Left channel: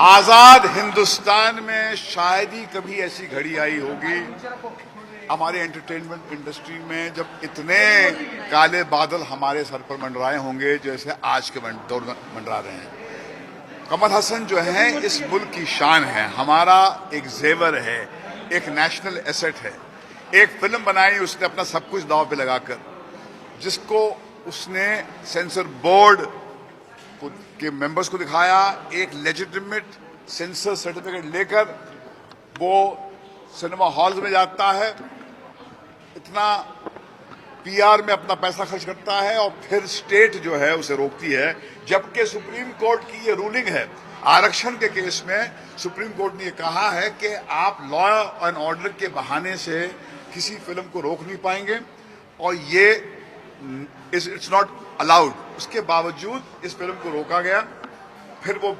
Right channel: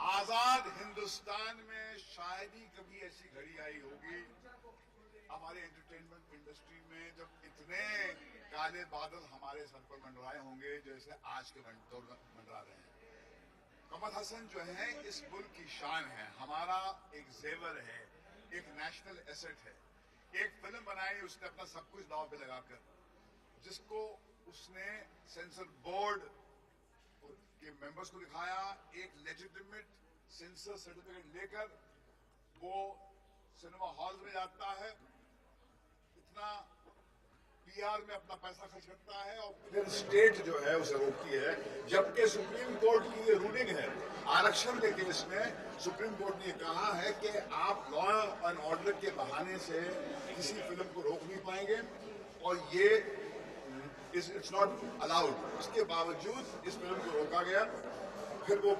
आजाद हिंदुस्तान में शायद ही कभी ऐसी घड़ी आई होगी हमारे एंटरटेनमेंट इंडस्ट्री में जब इतने काले बादल हमारे सर पर मंडराए होंगे जैसे आज के दौर में मंडरा रहे हैं। कमल हसन जो है इस मुल्क की शान है, हमारा एक जेवर है, एक नेशनल एसेट है। एक फिल्म बनाई उसने अपना सब कुछ दांव पे लगाकर, जिसको उसने सेंसर बोर्ड के मेंबर्स को दिखाया, एक लेजिटिमेट सेंसर सर्टिफिकेट लेकर वो सिनेमा हॉल्स में जाता है, इतना पीआर में अपना पैसा खर्च करता है और फिर स्टेट जो है उसे रोकती है। जबकि सुप्रीम कोर्ट की ये रूलिंग है, आरक्षण के केस में सुप्रीम कोर्ट ने ये कहा है कि आप लॉ एंड ऑर्डर के बहाने से किसी फिल्म को रोक नहीं पाएंगे और ये इट्स नॉट अलाउड। उसके बावजूद इस फिल्म को रोका गया। फिर वो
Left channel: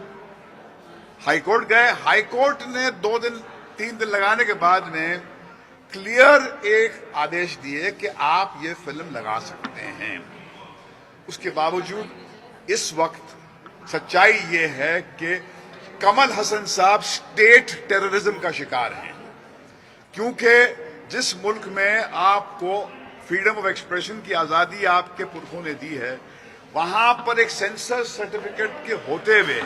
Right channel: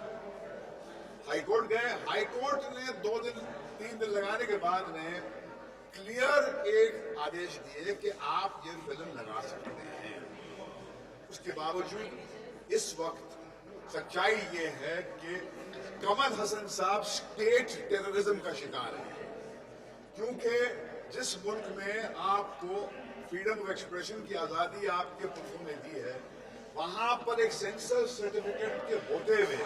हाईकोर्ट गए, हाईकोर्ट ने 2 दिन 3 दिन लगाने के बाद में क्लियर एक आदेश दिए कि आप ये फिल्म लगा सकते हैं। उसके बावजूद इस वक्त सच्चाई ये है कि कमल हसन साहब स्टेट टेररिज्म का शिकार हैं, क्योंकि जिस मुल्क में आपको फ्रीडम ऑफ एक्सप्रेशन की आजादी आपके पुरखों ने दी है, वहां पर एक सेंसर सर्टिफिकेट के होते हुए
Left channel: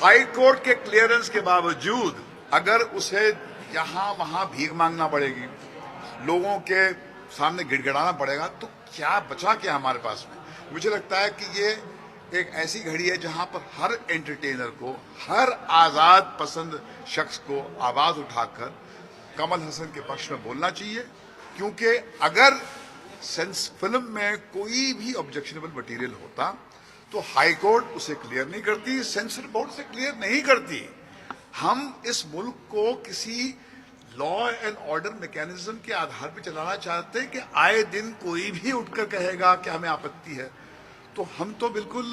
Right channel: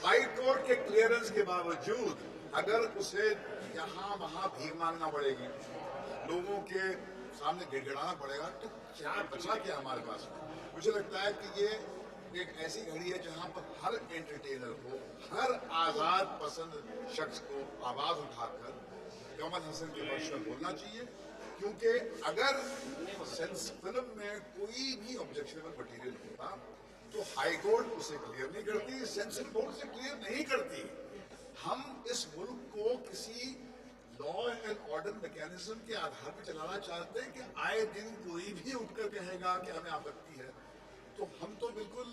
हाई कोर्ट के क्लियरेंस के बावजूद अगर उसे यहां वहां भीख मांगना पड़ेगी, लोगों के सामने गिड़गिड़ाना पड़ेगा, तो क्या बचा क्या हमारे पास में। मुझे लगता है कि ये एक ऐसी घड़ी है जहां पर हर एंटरटेनर को, हर आजाद पसंद शख्स को आवाज उठाकर कमल हसन के पक्ष में बोलना चाहिए, क्योंकि अगर फिल्म में कोई भी ऑब्जेक्शनेबल मटेरियल होता तो हाई कोर्ट उसे क्लियर नहीं करती, सेंसर बोर्ड से क्लियर नहीं करती। हम इस मुल्क को किसी लॉ एंड ऑर्डर मैकेनिज्म के आधार पर चलाना चाहते हैं कि आए दिन कोई भी उठकर कहेगा कि हमें आपत्ति है, तो हम तो बिल्कुल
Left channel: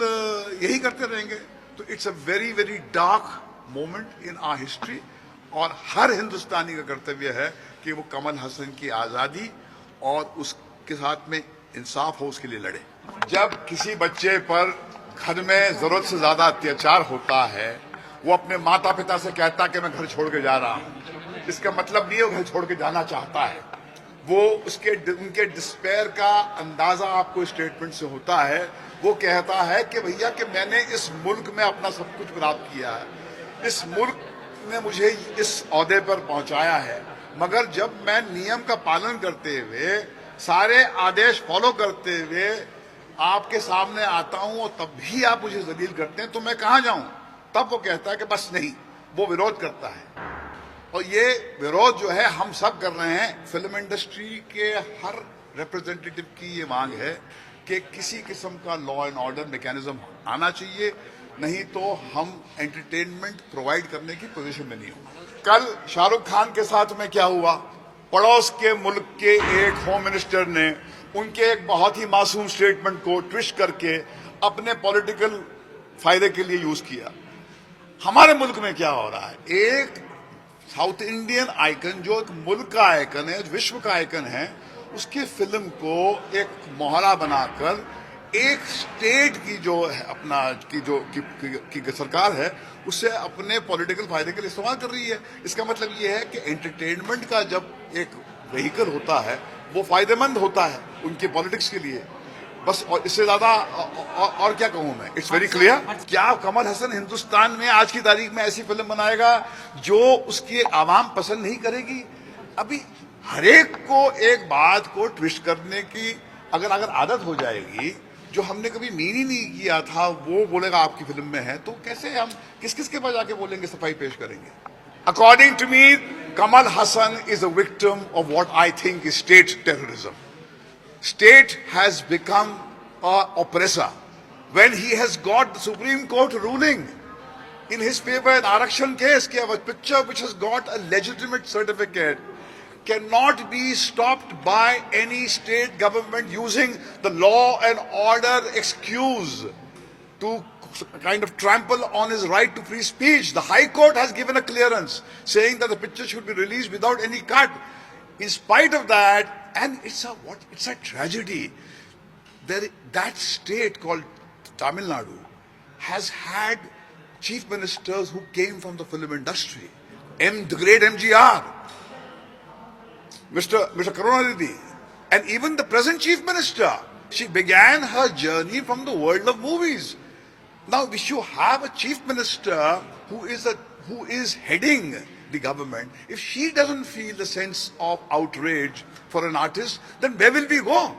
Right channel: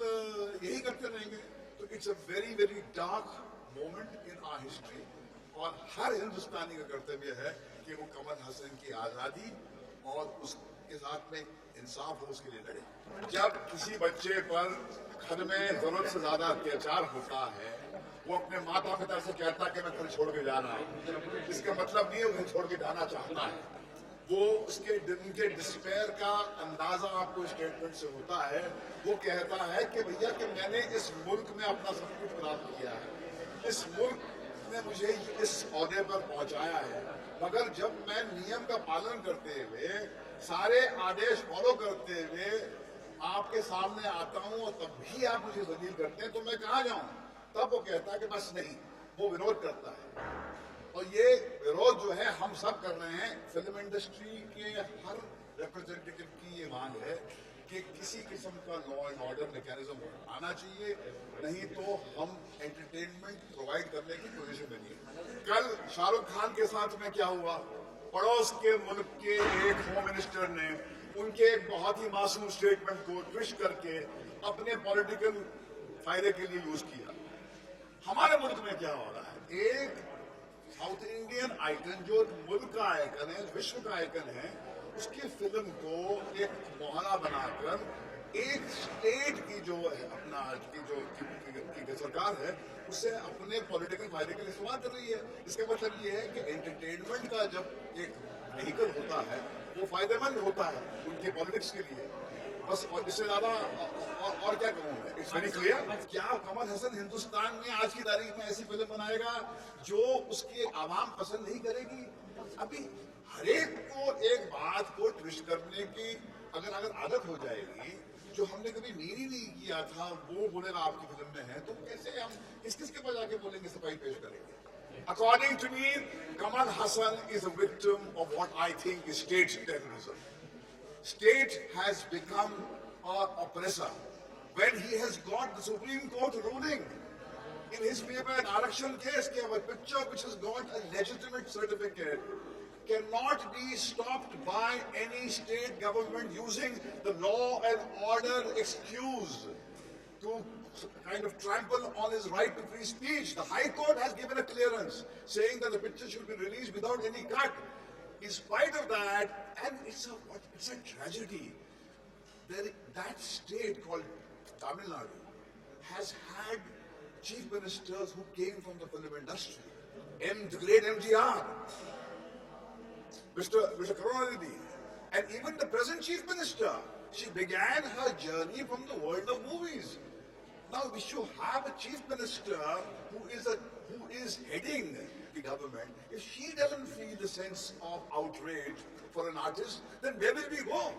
यही करते रहेंगे। तो it's a very very dark moment in our history और हर हिंदुस्तानी का कर्तव्य है कि वो कमल हसन की आज़ादी और उसके साथ में इंसाफ हो उसके लिए लड़े। जब किसी बच्चे पर घर में जरूरत से ज्यादा अत्याचार होता है, वो अपने माता पिता से कहता है कि मैं घर छोड़ के जा रहा हूं, इसका मतलब नहीं है वो घर छोड़ के जाना चाहता है। वो उनके डिस्पेयर का अंदाजा आपको स्टेटमेंट से होता है। वो कहता है कि भैया कि मैंने इस मुल्क में अपना सब कुछ प्राप्त किया है, इस मुल्क ने मुझे इस ओहदे पर पहुंचाया है, मगर जब मैं नियम का पालन करते हुए, सारे आदेश फॉलो करते हुए आपके सामने आता हूं और तब भी आप मुझे जलील करते हैं, तो मैं कहां जाऊं। तब वो कहता है कि बस नहीं, वो विरोध करता है। और ये विरोध जो है हम सब कर रहे हैं। फिल्म इंडस्ट्री के हर रिप्रेजेंटेटिव की ये मांग है कि किसी किस्म का लॉ एंड ऑर्डर मैकेनिज्म आना चाहिए, नहीं तो हम एंटरटेनमेंट प्रोवाइड करने की पोजीशन में नहीं होंगे। कल शाहरुख खान के साथ में क्या हुआ, पड़ोस के मुल्क के एक होम मिनिस्टर ने उनके एक बहुत ही मासूम स्टेटमेंट को ट्विस्ट करके अपने पॉलिटिकल फायदे के लिए यूज किया। हमारे मुल्क में क्या हो रहा है, एक साउथ इंडियन आइकन जो एक मुल्क का आइकन है, विश्व का आइकन है, उसकी फिल्म को एक मोहरा बनाकर एक स्टेट की जो है अपना की सरकार है उसे अपने पॉलिटिकल फायदे के लिए इस्तेमाल कर रही है। इसका मतलब ये है कि एंटरटेनमेंट का जब एक व्हीकल होता है वो फायदेमंद होता है उनके पॉलिटिक्स के लिए, बस। और इससे ज्यादा और क्या कहूं मैं, इट्स वेरी क्लियर। क्या कमल हसन हिंदुस्तान में आज की तारीख में ऐसी फिल्म बनाएगा जो उसकी आवाम पसंद नहीं करेगी? अभी हरेक को एक बात को ट्विस्ट करने की अगर आदत हो जाएगी, जो हमने कभी मीन ही नहीं किया था वो बोलेगा आपकी फिल्म में है, तो कैसे हम किस के पास जाके बोलेंगे, सफाई पेश करेंगे। According to me, Kamal Hassan is a victim of what I think is state terrorism. State has become an oppressor when he has got the Supreme Court ruling in his favor in Arakshan case कि a picture which has got a legitimate certificate cannot be stopped by any state government using the law and order excuse to kind of trample on his right to free speech. The High Court has given a clearance saying that the picture should be released without any cut. In spite of that, and it's a tragedy. That state called Tamil Nadu has had chief ministers who came from the film industry. The great MGR, Mr. Karunanidhi, and even the present chief minister. She began her journey from the world of movies. Now, if you have a chief minister who is heading the government, if she doesn't feel the sense of outrage for an artist, then where will we go?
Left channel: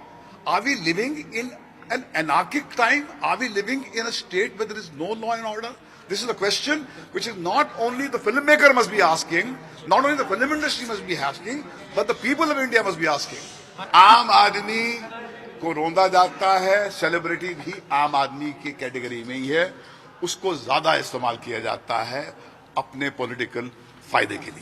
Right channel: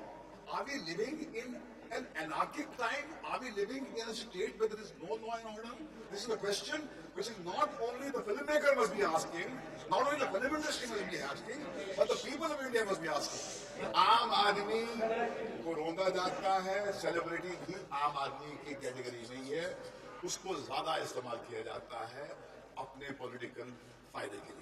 Are we living in an anarchic time? Are we living in a state where there is no law and order? This is a question which is not only the filmmaker must be asking, not only the film industry must be asking, but the people of India must be asking. आम आदमी को रोंदा जाता है, celebrity भी आम आदमी की category में ही है, उसको ज्यादा इस्तेमाल किया जाता है अपने पॉलिटिकल फायदे के लिए.